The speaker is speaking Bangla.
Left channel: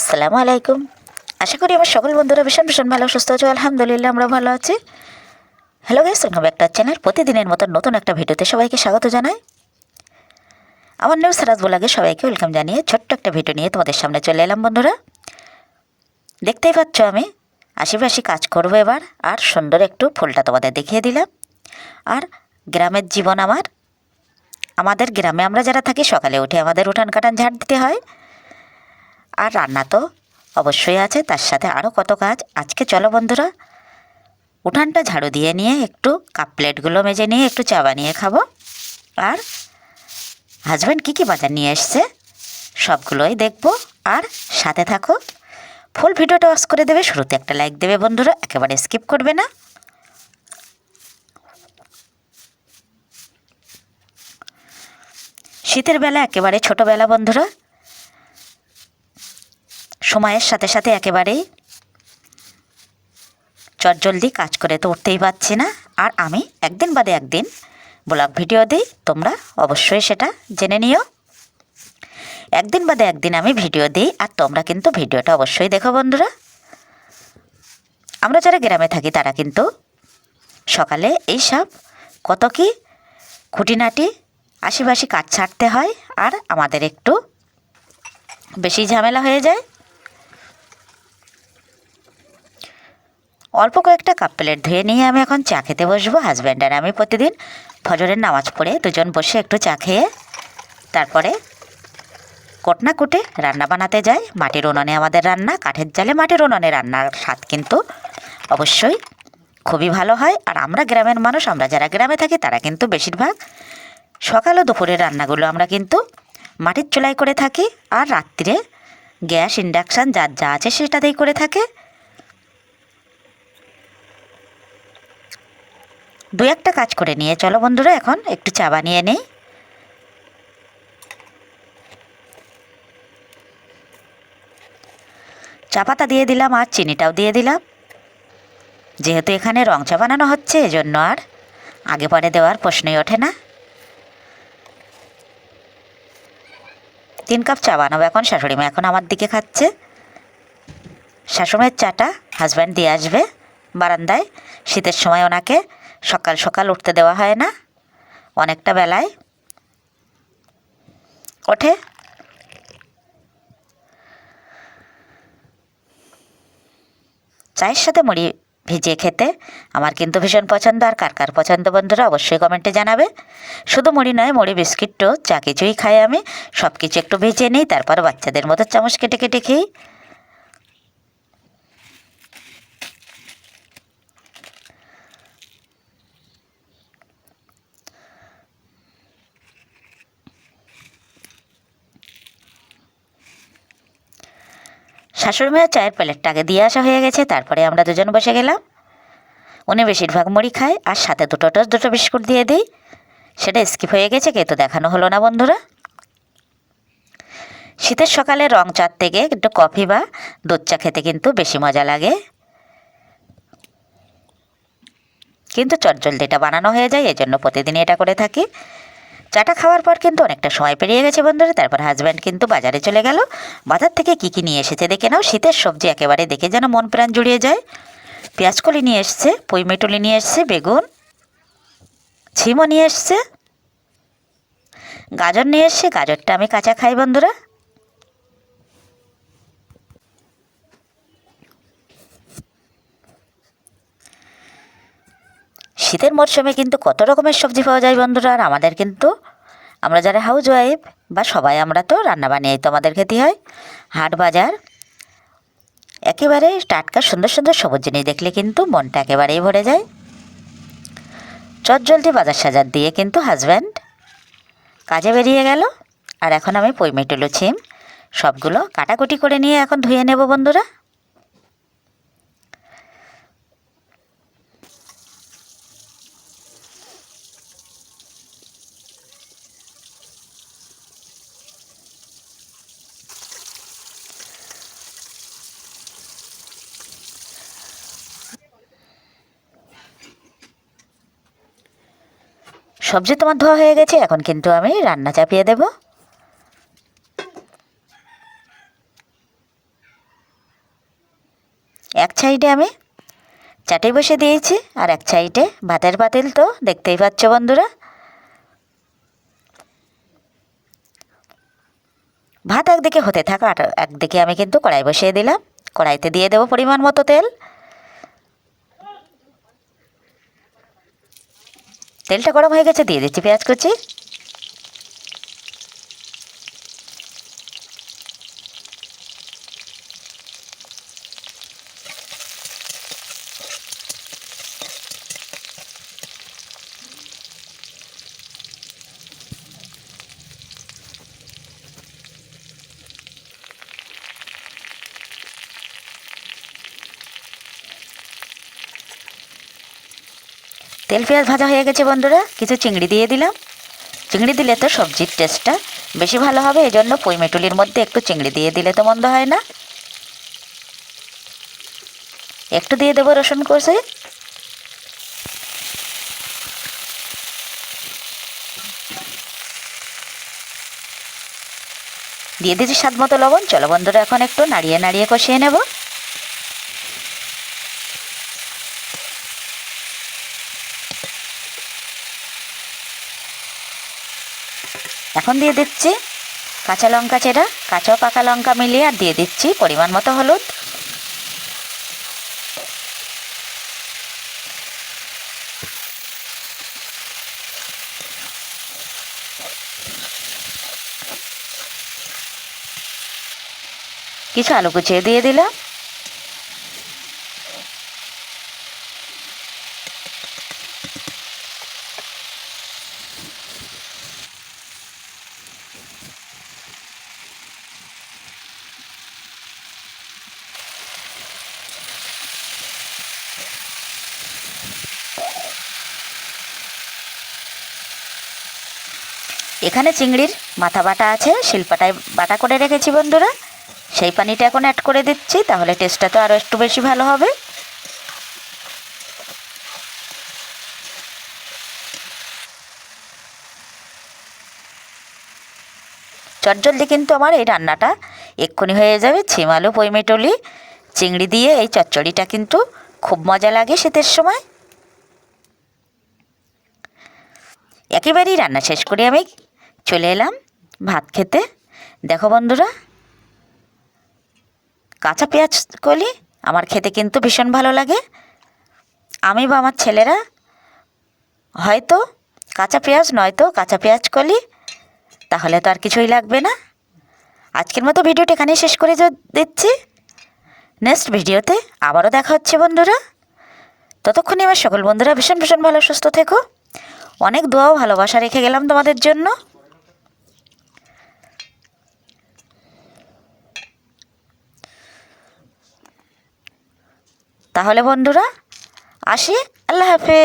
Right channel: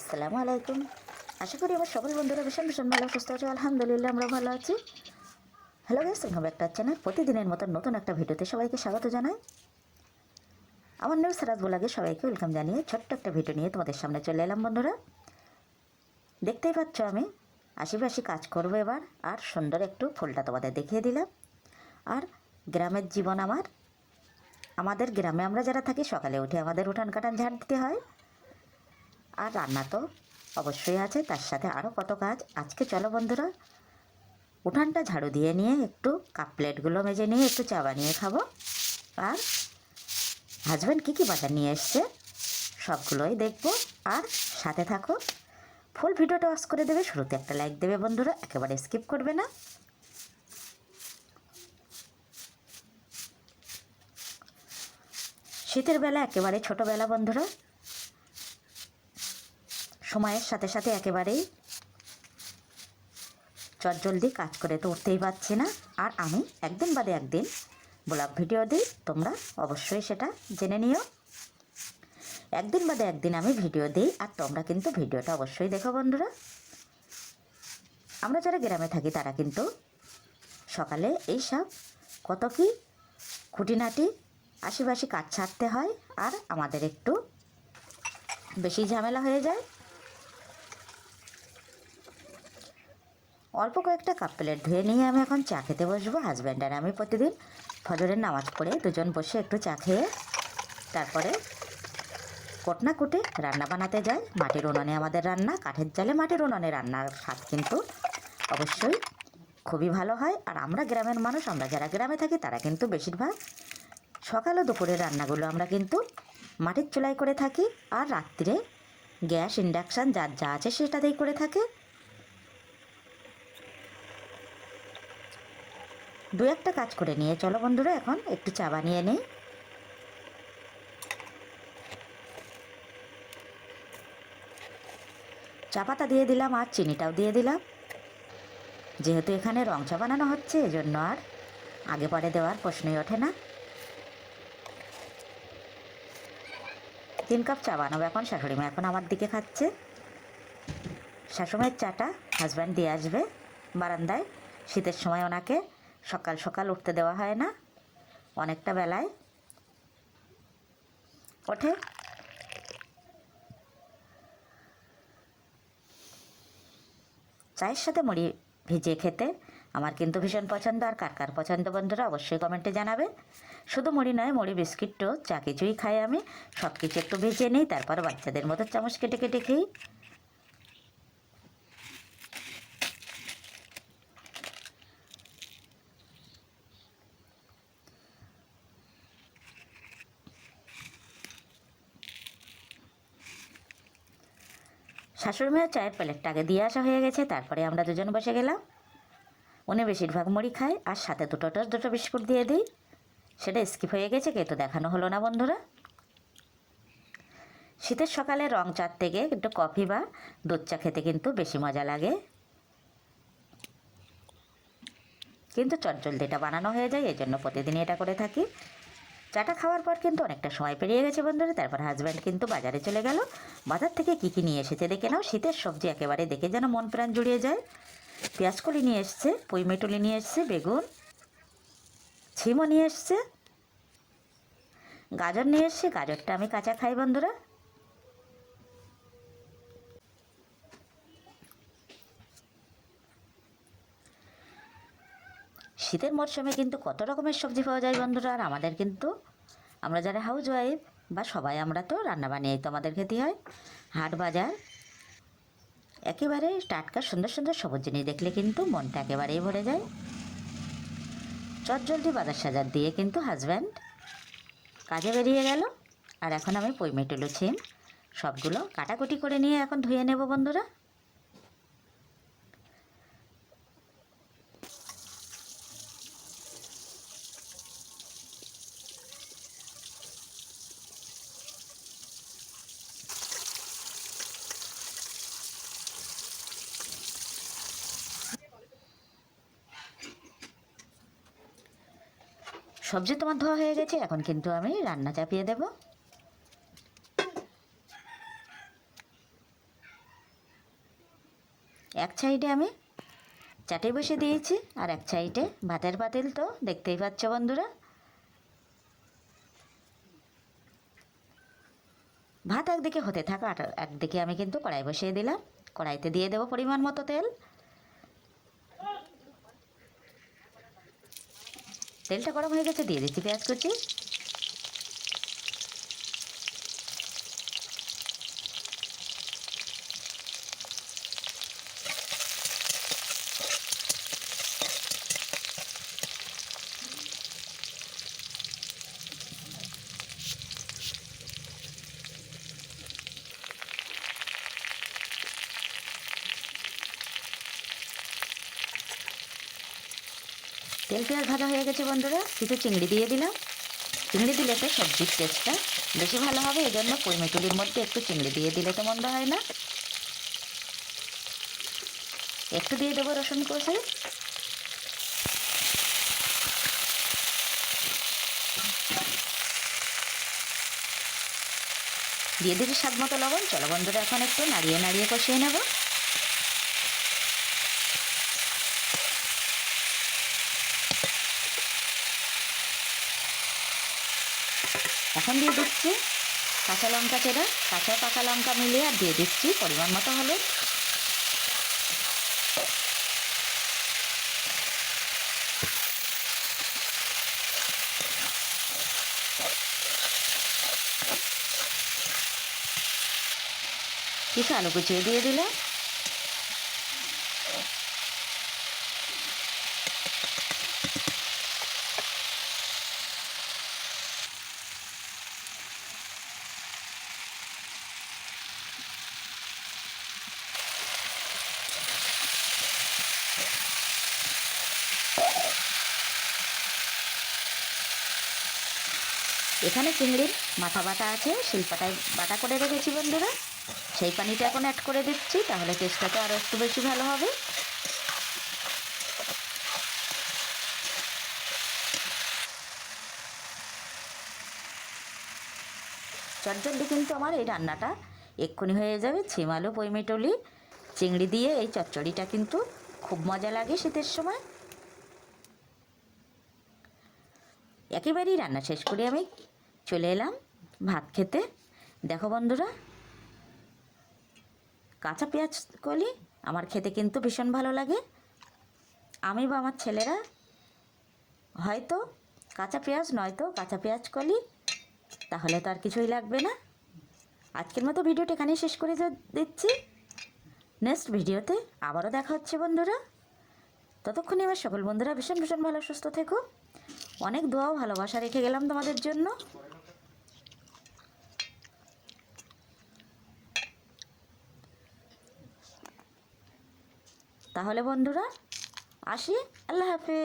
আসসালামু আলাইকুম। আশা করি আমার সকল বন্ধুরা ভীষণ ভীষণ ভালো সুস্থ আছে। আলহামদুলিল্লাহ আমরা ভালো আছি। Hello guys, welcome back to our channel. প্রতিদিনের মতো নতুন একটা ভিডিওতে সবাইকে স্বাগত জানাই। আমার নিউ সারাজ ব্লগে সবাইকে ওয়েলকাম জানিয়ে ছোট্ট একটা ভিডিও নিয়ে তোমাদের সামনে চলে এলাম বন্ধুরা। দেখতেই পাচ্ছ আমি আশেপাশে কাজ করবো এবার, আর সুন্দর একটু ফুলটা তোমাদের দেখিয়ে দিলাম। আর গ্রামের জীবন আমাদের গ্রামে আমরা যারা থাকি সকালে উঠে আমাদের উঠান কাটান ঝাড় দিতে হয়, আর রান্না তো অবশ্যই আছে, তার সাথে আরও কত কাজ। আজকে চলো বন্ধুরা উঠানটা ঝাড়ু দিয়ে নিয়ে একটু কাপ প্লেটগুলো মেজে নিয়ে একটু চা বানিয়ে খাবো। আর হাজব্যান্ড কী কী বাজার নিয়ে এসছে সবগুলোই দেখবো। আর সাথে থাকো, ফুল ভিডিওটা ওয়াচ করে দেবে, শুরুতে একটা লাইক দেবে বন্ধুরা, একেবারে স্কিপ করবে না। শীতের বেলা একেবারে ছোটোবেলা বন্ধুরা, সময়ের সাথে সাথে একেবারেই চটজলদি কাজ করে তো উঠতেই পারছি না। আর আমি একদিন বাদে একদিন ব্লগ ভিডিও দিই, তোমরা অবশ্যই সেটা জেনে নিও। একদিন বাদে একদিন আমি ভিডিও দিই, আর তোমরা কিন্তু ভিডিওটা অবশ্যই দেখো বন্ধুরা। আমরা যারা গ্রামে থাকি তারা কিন্তু সকালে এইসব কত কি খুঁটিনাটি আশিবাসি কাজ ছাড়তে হয়, আর আমাদের একটু বেশি ঝামেলা হয়ে যায়। অল্প কয়েকটা কাপ প্লেট ধুয়ে নিয়ে আমি এখন চা খেতে বসবো। হাজব্যান্ড আর আমি প্রতিদিন ফজরের নামাজ পড়ে দুজন বসে একটু চা খেয়ে তারপরে কোটনা কুটে রান্না বানাতে যাই। মাটির উনুনে আমাদের রান্না, কাঠের জালে মাটির উনুনে রান্নার স্বাদ কিন্তু অবশ্যই খুবই ভালো হয়। আর আমরা গ্রামের মানুষ, আমরা যারা গ্রামে থাকি তারা কিন্তু বেশিরভাগ সকাল ও দুপুরের রান্নাগুলো আমরা কিন্তু মাটির চুলায় করে থাকি, আর রাত্রিরে গ্যাস ইন্ডাকশান যার যা আছে সেটাতেই করে থাকে। দু একটা কাজ করে নিয়ে চলো বন্ধুরা এখন একটু চা বানিয়ে নিই। চা পাতা দিয়ে দিলাম আর চিনিটাও দিয়ে দিলাম। যেহেতু এখানে রং চা বানানো হচ্ছে এজন্য আর আগে পরে দেওয়ার প্রশ্নই ওঠে না। 3 কাপ চা বানাবো এখন। শাশুড়িমা এখন আমার দিকে খাচ্ছে। শাশুড়ির চাটা হাজব্যান্ড দিয়ে আসবে বারান্দায়। শীতের সময় ওনাকে সকাল সকাল উঠতে দেওয়া হয় না, অনেকটা বেলায় ওঠে। চায়ের সাথে মুড়ি ভিজিয়ে খেতে আমার কিন্তু ভীষণ পছন্দ। আর কার কার পছন্দ বন্ধুরা অবশ্যই কমেন্টে জানাবে। শুধু মুড়ি নয়, মুড়ি বিস্কিটও যা কিছুই খাই আমি, সব কিছু একটু ভেজে নিই, তারপর বাচ্চাদের মতো চামচ কেটে কেটে খেয়ে। শাশুড়ি মায়ের চায়ের প্লেটটা আগে দিয়ে আসা হয়ে গেছে, তারপরে আমরা দুজন বসে গেলাম। উনি বেশিরভাগ মুড়ি খায়, আর সাথে দুটো টোস্ট দুটো বিস্কুট দিয়ে দিই। সেটা স্কিপ হয়ে গেছে, কিন্তু দেখানো হলো না বন্ধুরা। শীতের সকালে রং চার থেকে একটু কফি বা দুধ চা খেতে কিন্তু বেশি মজা লাগে, কিন্তু চটজলদিটা বানানো হয়ে যায়, এজন্য প্রতিদিনই এটা করে থাকি। চাটা খাওয়ার পর কিন্তু অনেকটা সময় পেরিয়ে গেছে বন্ধুরা। তারপর হাজব্যান্ড কিন্তু বাজারে চলে গেল। বাজার থেকে কী কী নিয়ে এসেছে দেখে নাও। শীতের সবজি একেবারে দেখে যেন মন প্রাণ জুড়িয়ে যায়। পেঁয়াজকলি নিয়ে এসছে, পুঁইমেটুলি নিয়ে এসছে, বেগুন, ছিমও নিয়ে এসছে, গাজর নিয়ে এসছে। গাজরটা আমি কাঁচা খাই বন্ধুরা। শীতের মরশুমে কিন্তু কত রকমের সবজি পাওয়া যায় বন্ধুরা। আর আমাদের কিন্তু আমরা যারা হাউস ওয়াইফ বা সবাই আমরা তো রান্না বানিয়েই তো আমাদের খেতে হয়। হাট বাজার একেবারে টাটকা সুন্দর সুন্দর সবুজ জিনিস দেখলে কিন্তু মনটা একেবারেই ভরে যায়। চটজলদি বাজার সাজার দিয়ে কিন্তু হাজব্যান্ড কাজে বেরিয়ে গেল। আর এখন আমি পুঁইমেটুলো ছিম সবগুলো কাটাকুটি করে নিয়ে এখন ধুয়ে নেব বন্ধুরা। সবজি তোমার ধোয়া হয়ে গেছে, এখন কিন্তু আমি রান্না চাপিয়ে দেব। এক সাইডে আমি চাটে বসে দিয়েছি, আর এক সাইডে ভাতের পাতিল তো দেখতেই পাচ্ছ বন্ধুরা। ভাত একদিকে হতে থাকা, আর একদিকে আমি কিন্তু কড়াই বসিয়ে দিলাম। কড়াইতে দিয়ে দেবো পরিমাণ মতো তেল। তেলটা গরম হয়ে গেছে, দিয়ে দিচ্ছি পেঁয়াজ কুচি। তেল পেঁয়াজ ভাজা হয়ে গেছে বন্ধুরা, কিছু চিংড়ি দিয়ে দিলাম। চিংড়ি দিলে তো সবজির টেস্টটা বেশি ভালো হবে, এই জন্য পুঁই মেটুলির মধ্যে একটু চিংড়ি দিয়ে দিলে তো মন্দ হয় না। একটু দিয়ে দেবো রসুন কষে। দিয়ে দিচ্ছি স্বাদ মতো লবণ। চলো বন্ধুরা, এখন একটু নাড়িয়ে নাড়িয়ে কষিয়ে নেব। এখন দিয়ে দিচ্ছি কাঁচা লঙ্কা চেরা, কাঁচা পাকা লঙ্কা মিলিয়ে, আর দিয়ে দিচ্ছি পরিমাণ মতো হলুদ। কিছু আলু কুচিয়ে দিয়ে দিলাম। এখানে চিংড়ির মাথা বাটা আছে, শিলপাটায় বাটা করে রেখেছি বন্ধুরা। সেই পানিটা এখন অ্যাড করে দিচ্ছি, তাহলে টেস্টটা তো আরও একটু বেশি ভালো হবে। চটজলদি কিন্তু আমার এই রান্নাটা এক্ষুনি হয়ে যাবে। ছিম আলু পুঁই মেটলি চিংড়ি দিয়ে এই চচ্চড়িটা কিন্তু খুব মজা লাগে শীতের সময়। একেবারেই রান্না শেষ করে আমি চলে এলাম ভাত খেতে। দেখো বন্ধুরা, কাঁচা পেঁয়াজ কলি আমার খেতে কিন্তু ভীষণ ভালো লাগে। আমি বা আমার ছেলেরা হয়তো কাঁচা পেঁয়াজ, নয়তো কাঁচা পেঁয়াজ কলি, তাহলে তো আর কিছুই লাগবে না। আজকের মতো ভিডিওটা এখানেই শেষ করে দিচ্ছি। নেক্সট ভিডিওতে আবারও দেখা হচ্ছে বন্ধুরা। ততক্ষণে আমার সকল বন্ধুরা ভীষণ ভীষণ ভালো সুস্থ থেকো। অনেক দোয়া ও ভালোবাসা রেখে গেলাম তোমাদের জন্য। তাহলে বন্ধুরা আসি, আল্লাহ হাফেজ।